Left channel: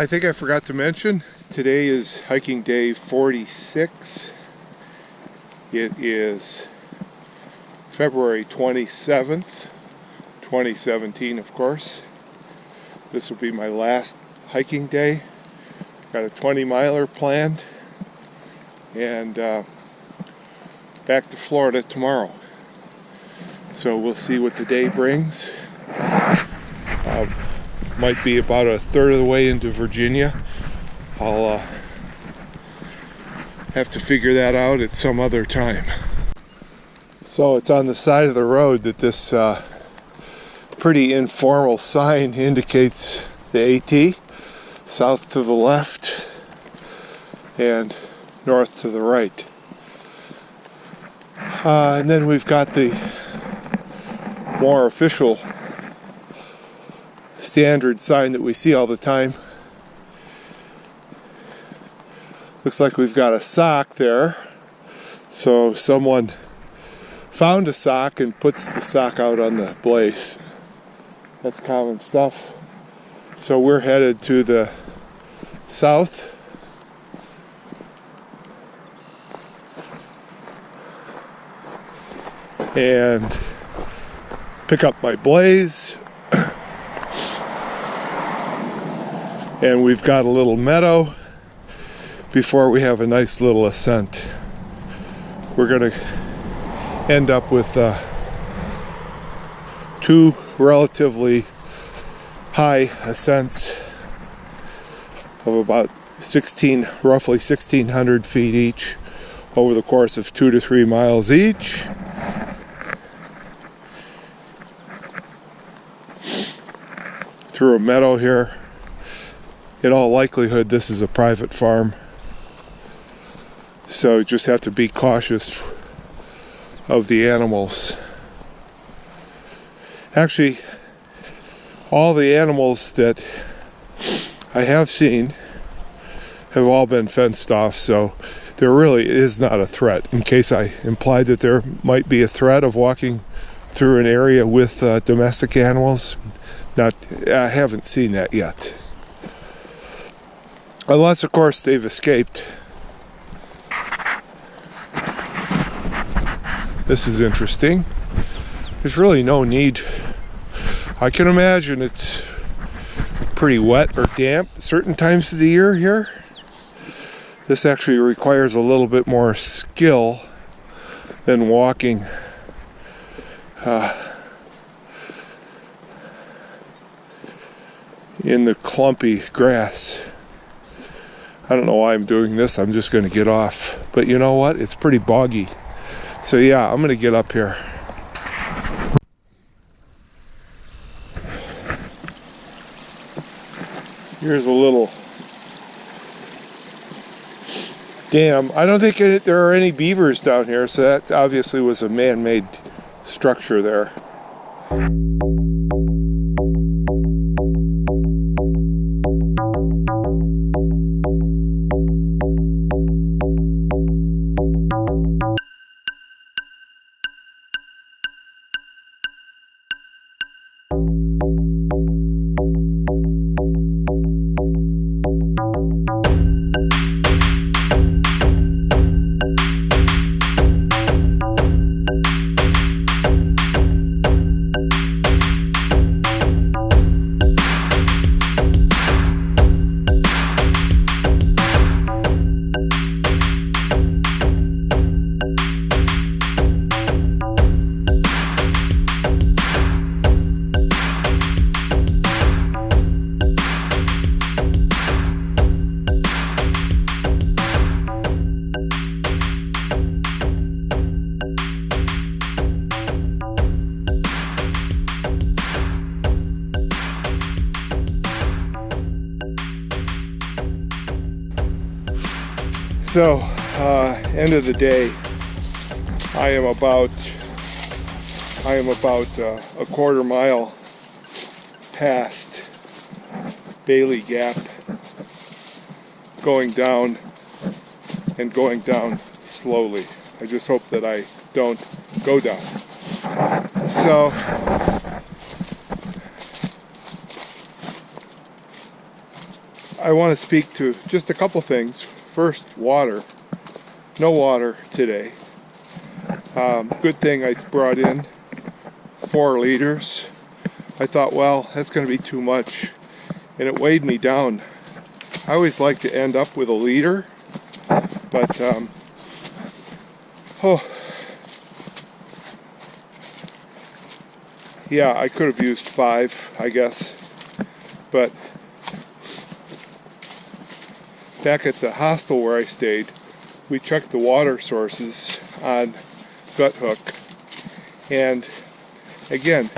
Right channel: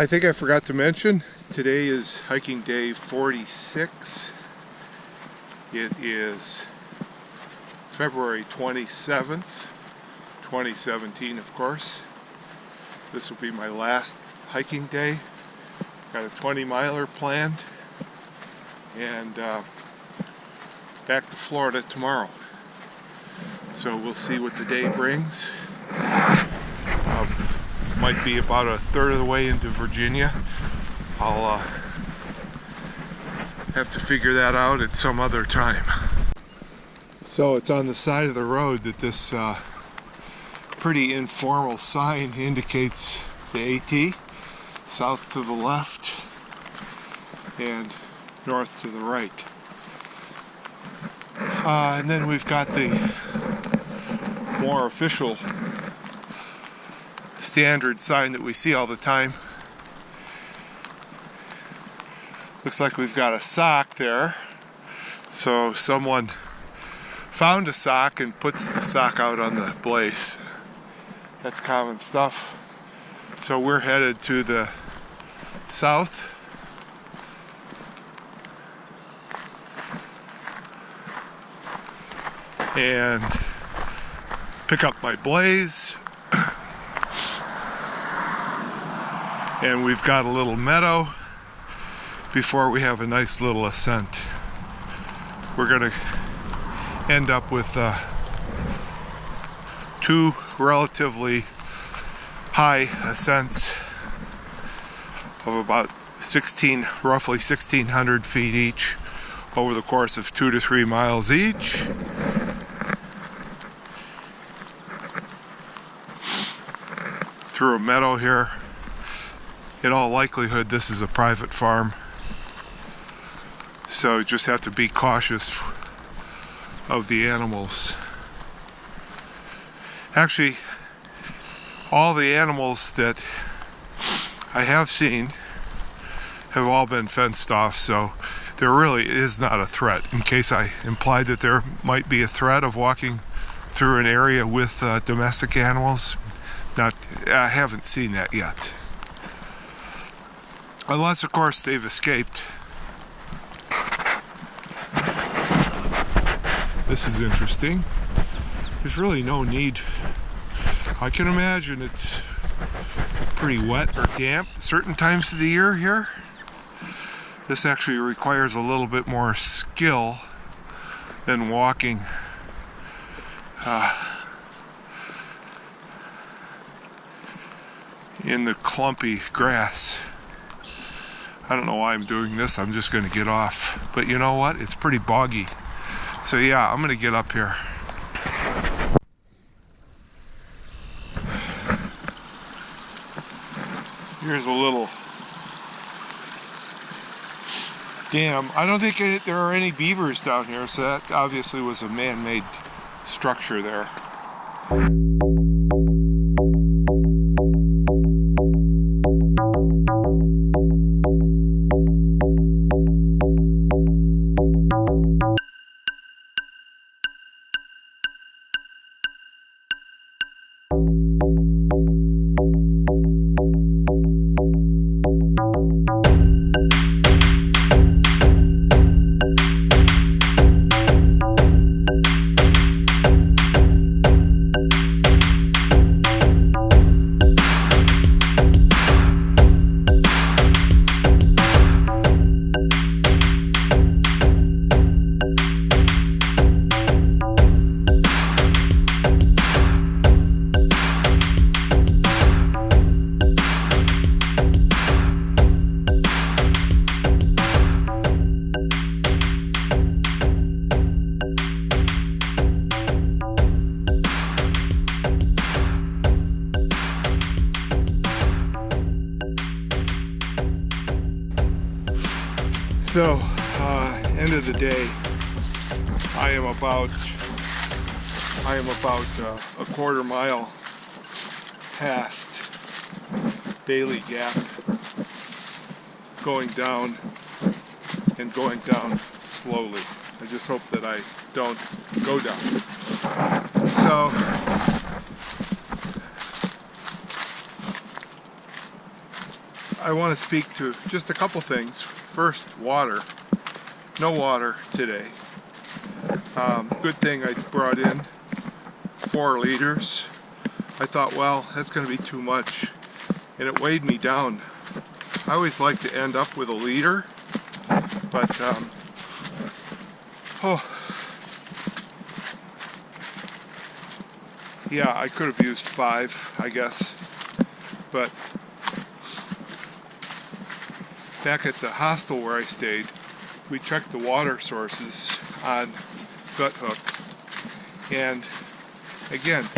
I think I forgot to mention, today is hiking day 46. It is February 27th, 2017, of course. This will be my last hiking day. Got a 20-miler planned, and back to Florida tomorrow. So we'll see what the day brings. Might be about a third of the way into Virginia. I'll have to figure that out at some other time. So it's on the side of the road that this pretty informal sign indicates the AT, south to the left and north to the right. And then we've got the more official standard sign that we see all the time. Looks like we've got a sock there. So someone found a sock and puts the sock out on the blaze. That's common stuff. So we're headed to the south. And pick up my blaze. And we've got a little meadow before we have a nice little ascent. We're going to end up with two relatively high ascents of about roughly 1,600 feet each over the course of 2 to 3 miles each. Through a meadow here. In all likelihood, this is a private farm, so you just have to be cautious of the animals. Actually, all the animals that I have seen have all been fenced off, so there really is not a threat. In case I implied that there might be a threat of walking through an area with domestic animals, I haven't seen that yet. Unless, of course, they've escaped. This is interesting. There's really no need. I can imagine it's pretty wet or damp certain times of the year here. This actually requires a little bit more skill than walking in the clumpy grass. I don't know why I'm doing this. I'm just going to get off. But you know what? It's pretty boggy. So yeah, I'm going to get up here. Here's a little dam. I don't think there are any beavers down here, so that obviously was a man-made structure there. So, end of the day, I am about a quarter mile past Bailey Gap, going down and going down slowly. I just hope that I don't go down. So I want to speak to just a couple things. First, water. No water today. Good thing I brought in 4 liters. I thought, well, that's going to be too much, and it weighed me down. I always like to end up with a liter, but yeah, I could have used 5, I guess. But back at the hostel where I stayed, we checked the water sources on Gut Hook, and again,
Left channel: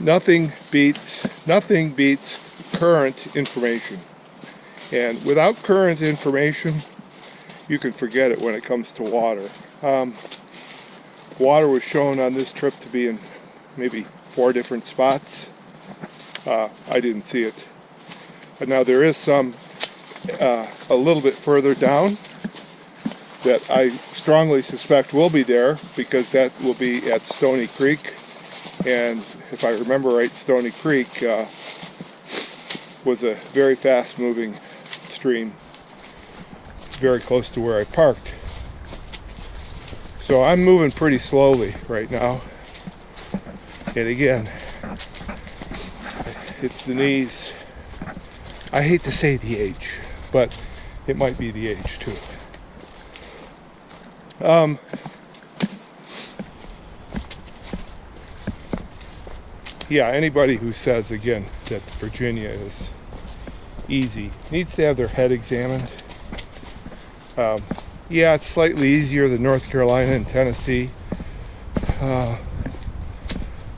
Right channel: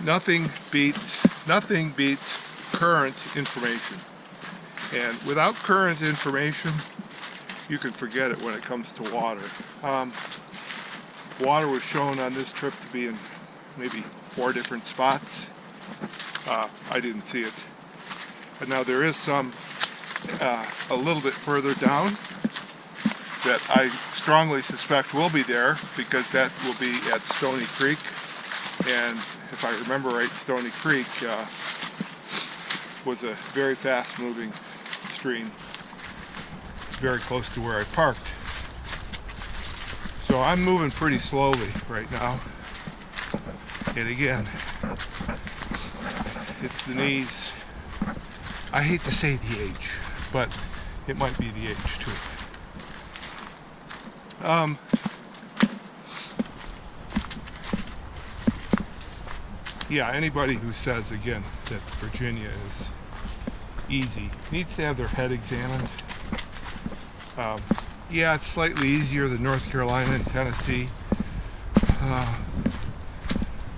nothing beats current information. And without current information, you can forget it when it comes to water. Water was shown on this trip to be in maybe 4 different spots. I didn't see it. But now there is some a little bit further down that I strongly suspect will be there, because that will be at Stony Creek. And if I remember right, Stony Creek was a very fast moving stream very close to where I parked. So I'm moving pretty slowly right now. And again, it's the knees. I hate to say the age, but it might be the age too. Yeah, anybody who says, again, that Virginia is easy needs to have their head examined. Yeah, it's slightly easier than North Carolina and Tennessee.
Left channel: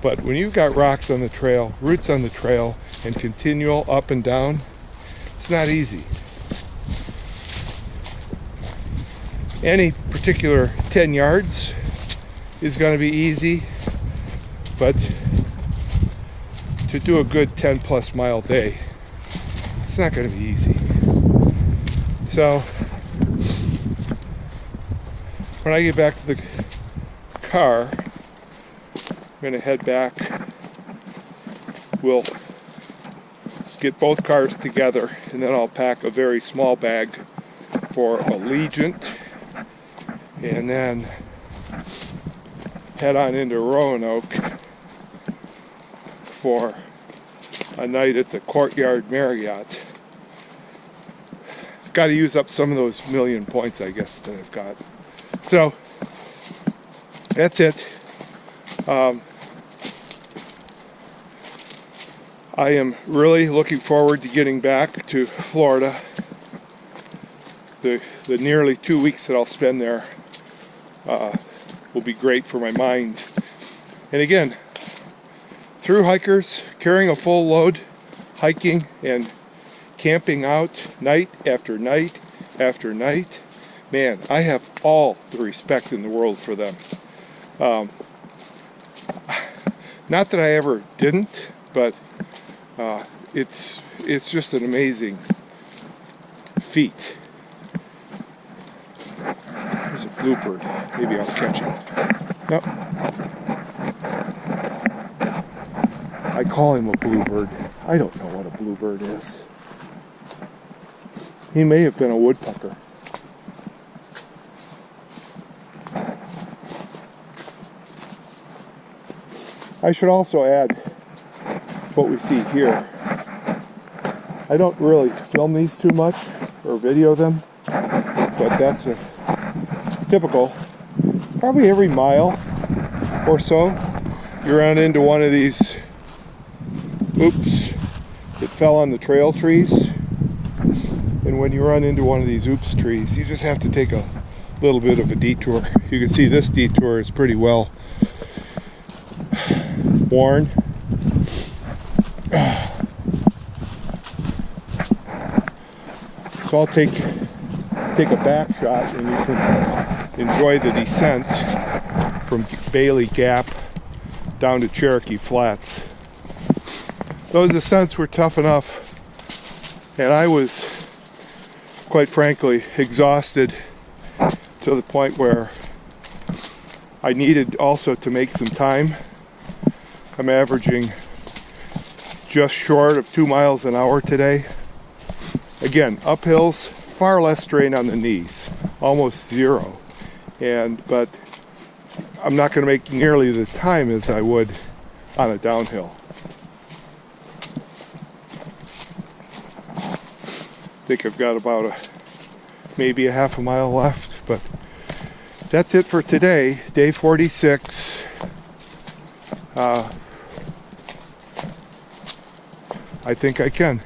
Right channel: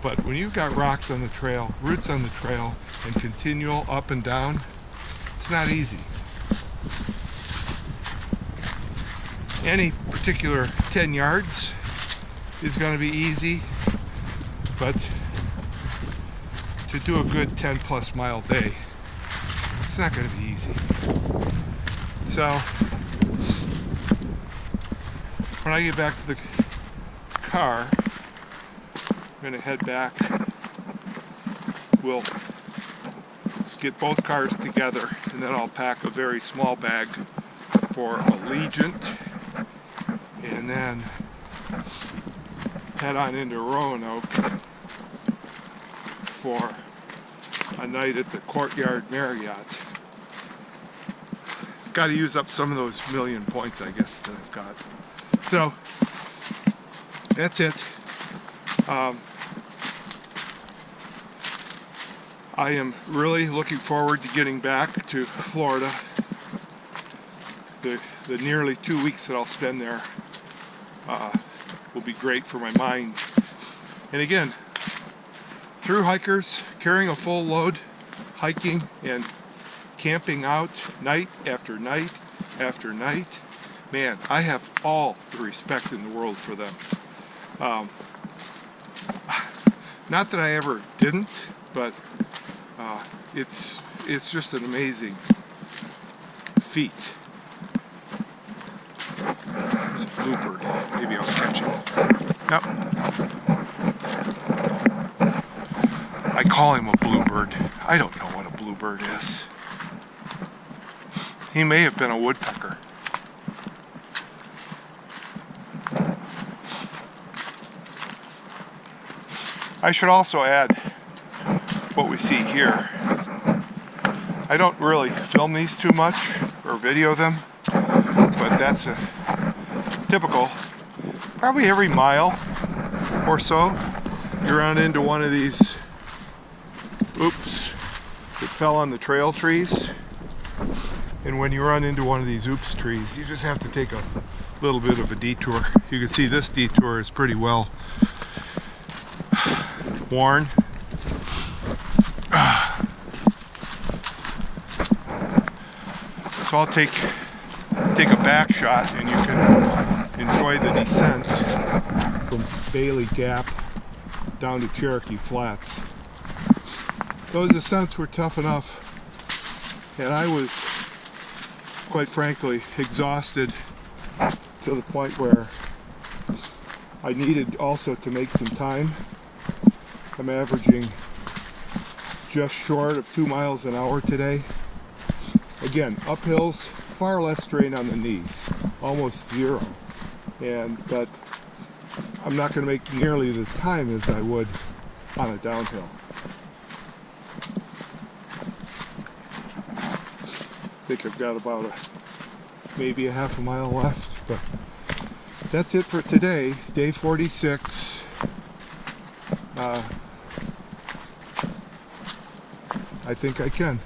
But when you've got rocks on the trail, roots on the trail, and continual up and down, it's not easy. Any particular 10 yards is going to be easy, but to do a good 10 plus mile day, it's not going to be easy. So when I get back to the car, I'm going to head back. We'll get both cars together, and then I'll pack a very small bag for Allegiant, and then head on into Roanoke for a night at the Courtyard Marriott. Got to use up some of those million points, I guess, that I've got. So that's it. I am really looking forward to getting back to Florida. The nearly 2 weeks that I'll spend there will be great for my mind. And again, through hikers, carrying a full load, hiking and camping out night after night after night, man, I have all the respect in the world for them. Not that I ever didn't, but it's just an amazing feat. There's a bluebird. Maybe I'll catch him. Nope. I call him a bluebird. I don't know what a bluebird is. He may have been a woodpecker. I should also add what we see here. I don't really film these too much or video them, but that's a typical. Probably every mile or so, you run into one of these oops that fell on the trail trees. And when you run into one of these oops trees, you just have to take a little bit of a detour. You can see this detour is pretty well worn. So I'll take a back shot, and you can enjoy the descent from Bailey Gap down to Cherokee Flats. Those ascents were tough enough, and I was, quite frankly, exhausted to the point where I needed also to make some time. I'm averaging just short of 2 miles an hour today. Again, uphills, far less strain on the knees, almost zero. But I'm not going to make nearly the time as I would on a downhill. I think I've got about maybe a half a mile left, but that's it for today, day 46. I think I can.